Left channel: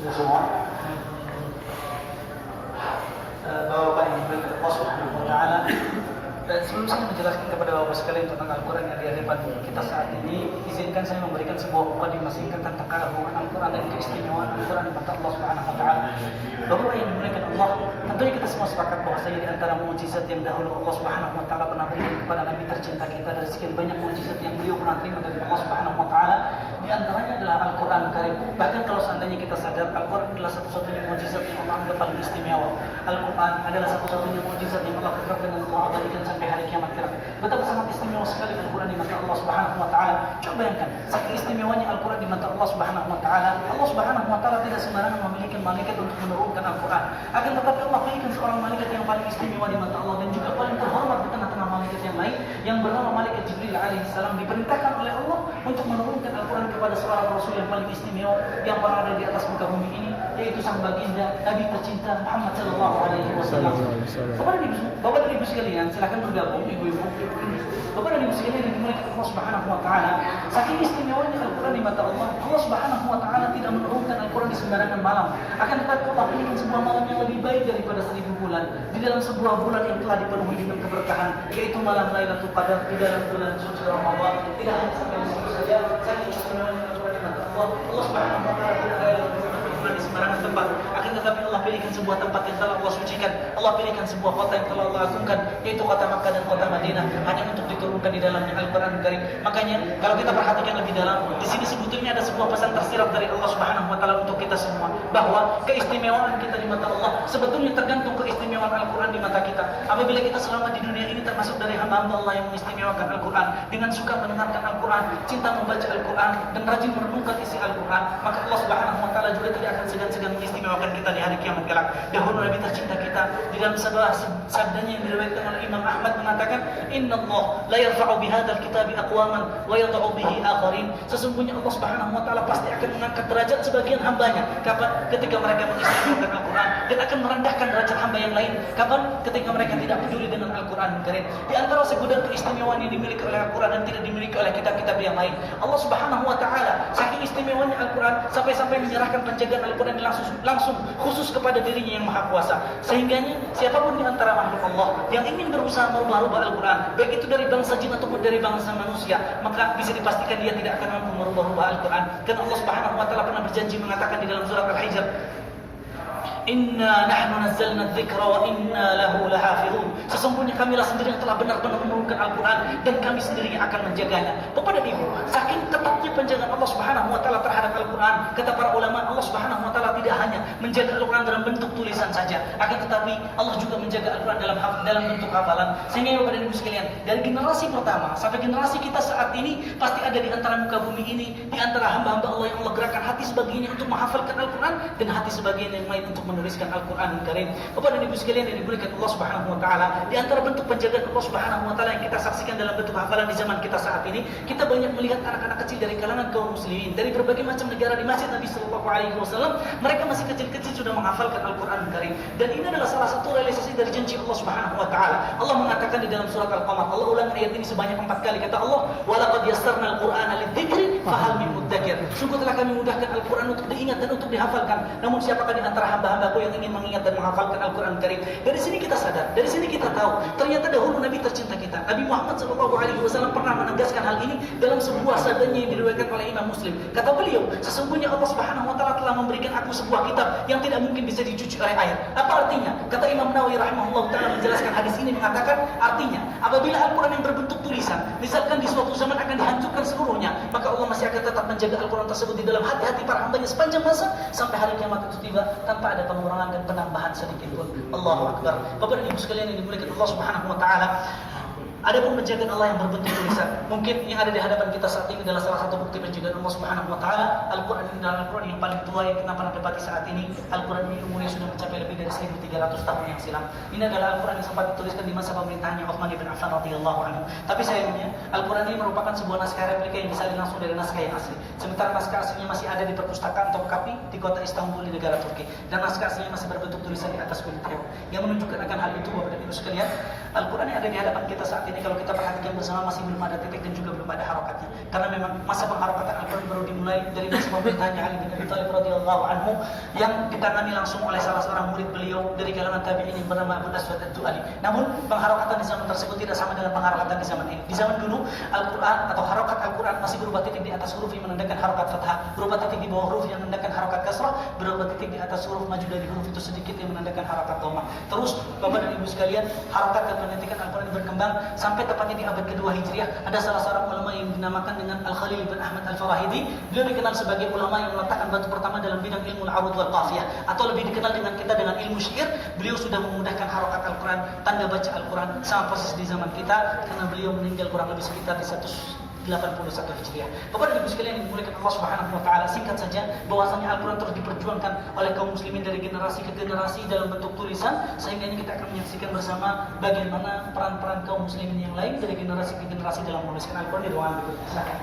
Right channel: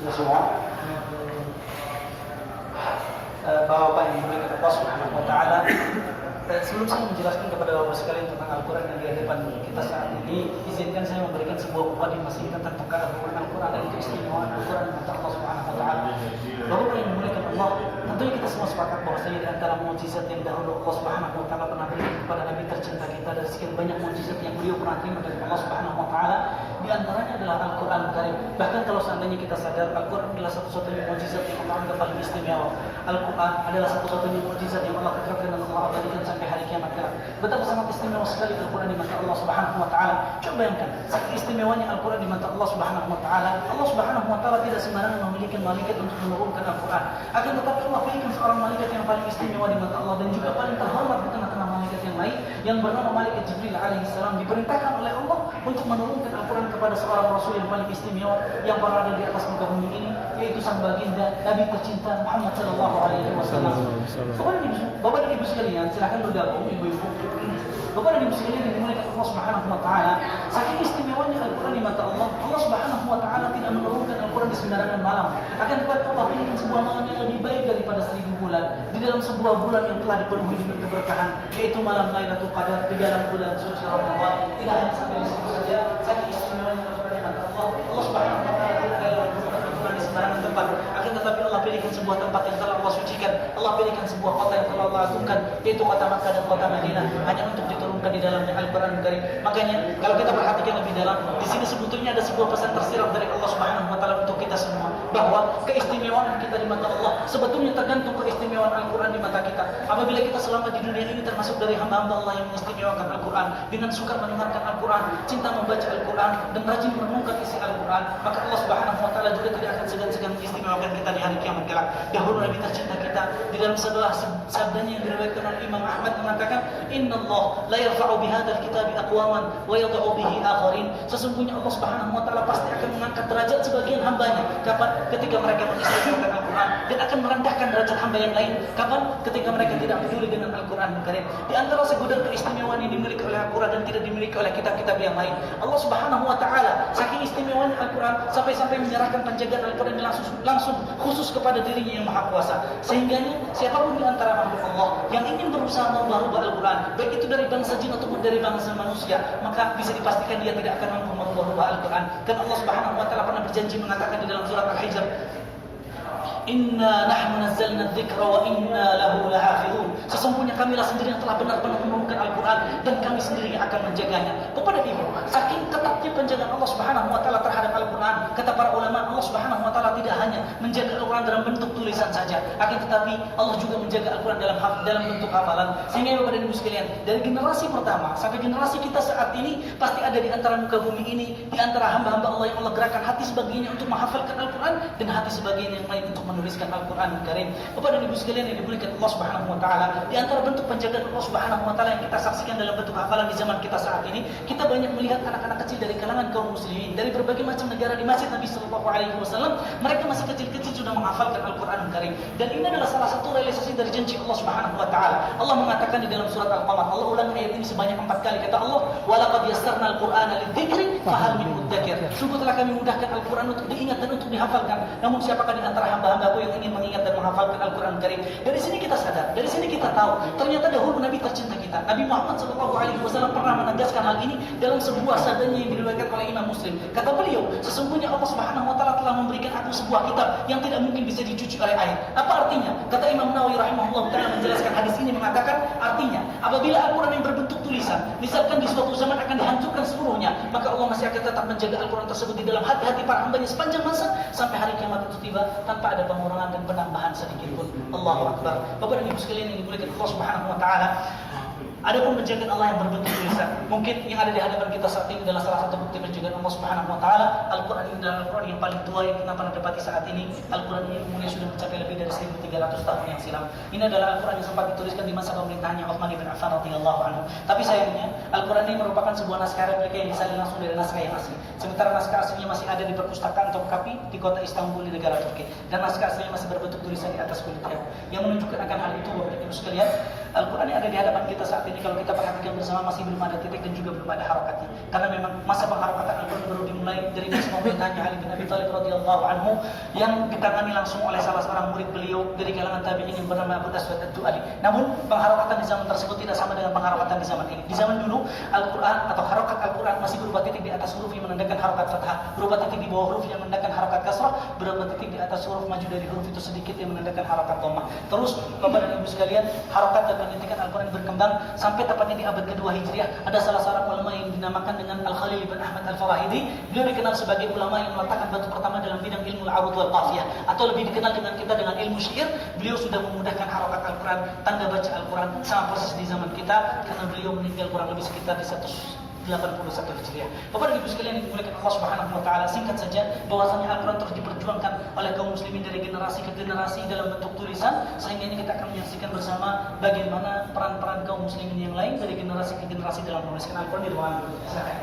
Sudah semua? Bapak-bapak yang dimuliakan Allah Subhanahu wa taala, sebelum saya menjelaskan kepada Bapak sekalian tentang Al-Quran yang di hadapan kita saat ini, izinkan saya memberikan sebuah mukadimah singkat tentang Al-Quran dan keistimewaan Al-Quran di mata Allah Subhanahu wa taala. Bapak yang dimuliakan Allah, tentunya kita semua sepakat bahwasanya di antara mukjizat yang dahulu Allah Subhanahu wa taala pernah berikan kepada Nabi tercinta kita dari sekian banyak mukjizat yang beliau pernah terima dari Allah Subhanahu wa taala, di antaranya adalah Al-Quran Karim. Bahkan kalau seandainya kita sadar, Al-Quran adalah satu-satunya mukjizat yang Allah anggap paling istimewa. Al-Quran adalah satu-satunya mukjizat yang Allah kekalkan dan Allah abadikan sampai hari kiamat kelak. Betapa sangat istimewa sekali Al-Quran di mata Allah Subhanahu wa taala. Coba bayangkan, saking istimewanya Al-Quran di mata Allah Subhanahu wa taala, Allah Subhanahu wa taala tidak sembarangan memiliki malaikat untuk menurunkan Al-Quran. Akan tetapi Allah pilihkan seorang malaikat yang paling istimewa di mata Allah dan juga paling terhormat di tengah-tengah malaikat yang lain, yang bernama malaikat Jibril alaihissalam, diperintahkan oleh Allah untuk menurunkan Al-Quran kepada seorang rasul yang paling istimewa yang pernah ada di atas muka bumi ini, yaitu sang baginda Nabi tercinta Muhammad sallallahu alaihi wasallam. Bapak dan Ibu sekalian, silakan bergabung ibu-ibu. Bapak dan Ibu sekalian yang dimuliakan Allah Subhanahu wa taala, saking istimewanya Al-Quran di mata Allah, Allah Subhanahu wa taala tidak menurunkan Al-Quran di sembarangan malam. Akan tetapi Allah pilihkan sebuah malam yang lebih baik daripada 1000 bulan, di dalam sebuah bulan yang telah dipenuhi dengan keberkahan, yaitu malam Lailatul Qadar di dalam bulan suci Ramadan. Tidak hanya sampai di situ saja, saking istimewanya Al-Quran di mata Allah, Allah Subhanahu wa taala tidak ada di sembarangan tempat. Akan tetapi Allah pilihkan sebuah tempat yang telah Allah sucikan. Allah pilihkan sebuah kota yang telah Allah agungkan, yaitu kota Makkah dan kota Madinah, hanya untuk diturunkan di dalamnya Al-Quran Karim. Makanya kalau kita perhatikan lebih dalam, di sini sebetulnya ada sebuah pesan tersirat dari Allah Subhanahu wa taala untuk kita semua, bahwa keistimewaan kita di mata Allah sebetulnya tergantung keistimewaan Al-Quran di mata kita. Apabila kita selama di dunia ini termasuk dari hamba-hamba Allah yang mengistimewakan Al-Quran dengan suka mendengarkan Al-Quran, cinta membaca Al-Quran dan rajin merenungkan isi Al-Quran, maka Allah Subhanahu wa taala juga tidak akan segan-segan mengistimewakan kita di hari kiamat kelak. Dahulu Nabi tercinta kita di dalam sebuah sabdanya yang diriwayatkan oleh Imam Ahmad mengatakan, "Innallah la yarfa'u bihadzal kitabi aqwaman wa yad'u bihi akharin." Sesungguhnya Allah Subhanahu wa taala pasti akan mengangkat derajat sebagian hambanya. Kapan? Ketika mereka mengistimewakan Al-Quran, dan akan merendahkan derajat hamba yang lain. Kapan? Ketika mereka tidak peduli dengan Al-Quran Karim. Di antara segudang keistimewaan yang dimiliki oleh Al-Quran dan tidak dimiliki oleh kitab-kitab yang lain, Allah Subhanahu wa taala saking istimewanya Al-Quran sampai-sampai menyerahkan penjagaan Al-Quran langsung khusus kepada dirinya yang maha kuasa. Sehingga siapapun di antara makhluk Allah yang ingin berusaha merubah Al-Quran, baik itu dari bangsa jin ataupun dari bangsa manusia, maka bisa dipastikan dia tidak akan mampu merubah Al-Quran. Karena Allah Subhanahu wa taala pernah berjanji mengatakan di dalam surat Al-Hijr, "Inna nahnu nazzalna dzikra wa inna lahu lahafizun." Sesungguhnya kamilah sendiri yang telah benar-benar menurunkan Al-Quran dan kami sendiri yang akan menjaganya. Bapak dan Ibu, saking ketatnya penjagaan Allah Subhanahu wa taala terhadap Al-Quran, kata para ulama, Allah Subhanahu wa taala tidak hanya menjaga Al-Quran dalam bentuk tulisan saja, akan tetapi Allah juga menjaga Al-Quran dalam bentuk hafalan. Sehingga Bapak dan Ibu sekalian, dari generasi pertama sampai generasi kita saat ini, pasti ada di antara muka bumi ini, di antara hamba-hamba Allah yang Allah gerakkan hati sebagiannya untuk menghafalkan Al-Quran dan hati sebagian yang lain untuk menuliskan Al-Quran Karim. Bapak dan Ibu sekalian yang dimuliakan Allah Subhanahu wa taala, di antara bentuk penjagaan Allah Subhanahu wa taala yang kita saksikan dalam bentuk hafalan di zaman kita saat ini, kita banyak melihat anak-anak kecil dari kalangan kaum muslimin dari berbagai macam negara di masjid Nabi sallallahu alaihi wasallam. Mereka masih kecil-kecil sudah menghafalkan Al-Quran Karim. Dan ini adalah salah satu realisasi dari janji Allah Subhanahu wa taala. Allah mengatakan di dalam surat Al-Qamar, Allah ulang ayat ini sebanyak 4 kali, kata Allah, "Wa laqad yassarna al-Qur'ana lidzikri fahal min mudzakir." Sungguh telah kami mudahkan Al-Quran untuk diingat dan untuk dihafalkan. Namun siapakah di antara hamba-hambaku yang ingin mengingat dan menghafalkan Al-Quran Karim? Dari sini kita sadar, dari sini kita tahu, ternyata dahulu Nabi tercinta kita, Nabi Muhammad SAW pernah menegaskan hal ini dalam sebuah sabdanya yang diriwayatkan oleh Imam Muslim. Kata beliau, "Sesungguhnya Allah Subhanahu wa taala telah memberikan aku sebuah kitab yang tidak mungkin bisa dicuci oleh air." Apa artinya? Kata Imam Nawawi rahimahullah taala menjelaskan hadis ini, mengatakan artinya apabila Al-Quran yang berbentuk tulisan misalkan di suatu zaman akan dihancurkan seluruhnya, maka Allah masih akan tetap menjaga Al-Quran tersebut di dalam hati-hati para hambanya sepanjang masa sampai hari kiamat itu tiba tanpa ada pengurangan dan penambahan sedikit pun. Allahu Akbar. Bapak dan Ibu sekalian yang dimuliakan Allah Subhanahu wa taala, Adapun penjagaan Allah yang berbentuk tulisan, mungkin yang ada di hadapan kita saat ini adalah salah satu bukti penjagaan Allah Subhanahu wa taala. Al-Qur'an ini adalah Al-Qur'an yang paling tua yang kita pernah dapati saat ini. Al-Qur'an ini umurnya sudah mencapai lebih dari 1300 tahun yang silam. Ini adalah Al-Qur'an yang sempat dituliskan di masa pemerintahannya Utsman bin Affan radhiyallahu anhu. Tapi sayangnya, Al-Qur'an ini merupakan sebuah naskah replika yang disalin langsung dari naskah yang asli. Sementara naskah aslinya masih ada di perpustakaan Topkapi di kota Istanbul di negara Turki, dan naskah aslinya masih berbentuk tulisan di atas kulit kayu. Yang menunjukkan akan hal itu, Bapak dan Ibu sekalian, Al-Qur'an yang ada di hadapan kita saat ini kalau kita perhatikan bersama masih belum ada titik dan juga belum ada harokatnya. Karena memang masa pengharokatan Al-Qur'an baru dimulai dari masa pemerintahannya Ali bin Abi Thalib radhiyallahu anhu yang ditangani langsung oleh salah seorang murid beliau dari kalangan tabi'in yang bernama Abu Aswad Ad-Du'ali. Namun pengharokatan di zaman tersebut tidak sama dengan pengharokatan di zaman ini. Di zaman dulu Al-Qur'an atau harokat Al-Qur'an masih berupa titik di atas huruf yang menandakan harokat fathah, berupa titik di bawah huruf yang menandakan harokat kasrah, berupa titik di atas huruf maju dari huruf itu sedikit yang menandakan harokat dhammah. Terus Bapak dan Ibu sekalian, harokat dan pendidikan Al-Qur'an berkembang sampai tepatnya di abad kedua Hijriah. Ada salah seorang ulama yang dinamakan dengan Al-Khalil bin Ahmad Al-Fawahidi. Beliau dikenal sebagai ulama yang meletakkan batu pertama dalam bidang ilmu al-arud wal qafiyah, atau lebih dikenal dengan kita dengan ilmu syair. Beliau sudah memudahkan harokat Al-Qur'an, tanda baca Al-Qur'an sama persis di zaman kita, karena beliau meninggal kurang lebih sekitar di 181 Hijriah. Bapak dan Ibu sekalian yang dimuliakan Allah Subhanahu wa taala, singkat saja bahwasanya Al-Qur'an terus diperjuangkan oleh kaum muslimin dari generasi ke generasi dalam bentuk tulisan, sehingga ini kita akan menyaksikan bersama bagaimana peran-peran kaum muslimin yang lain dari generasi ke generasi dalam menuliskan Al-Qur'an di ruangan berikut. Silakan.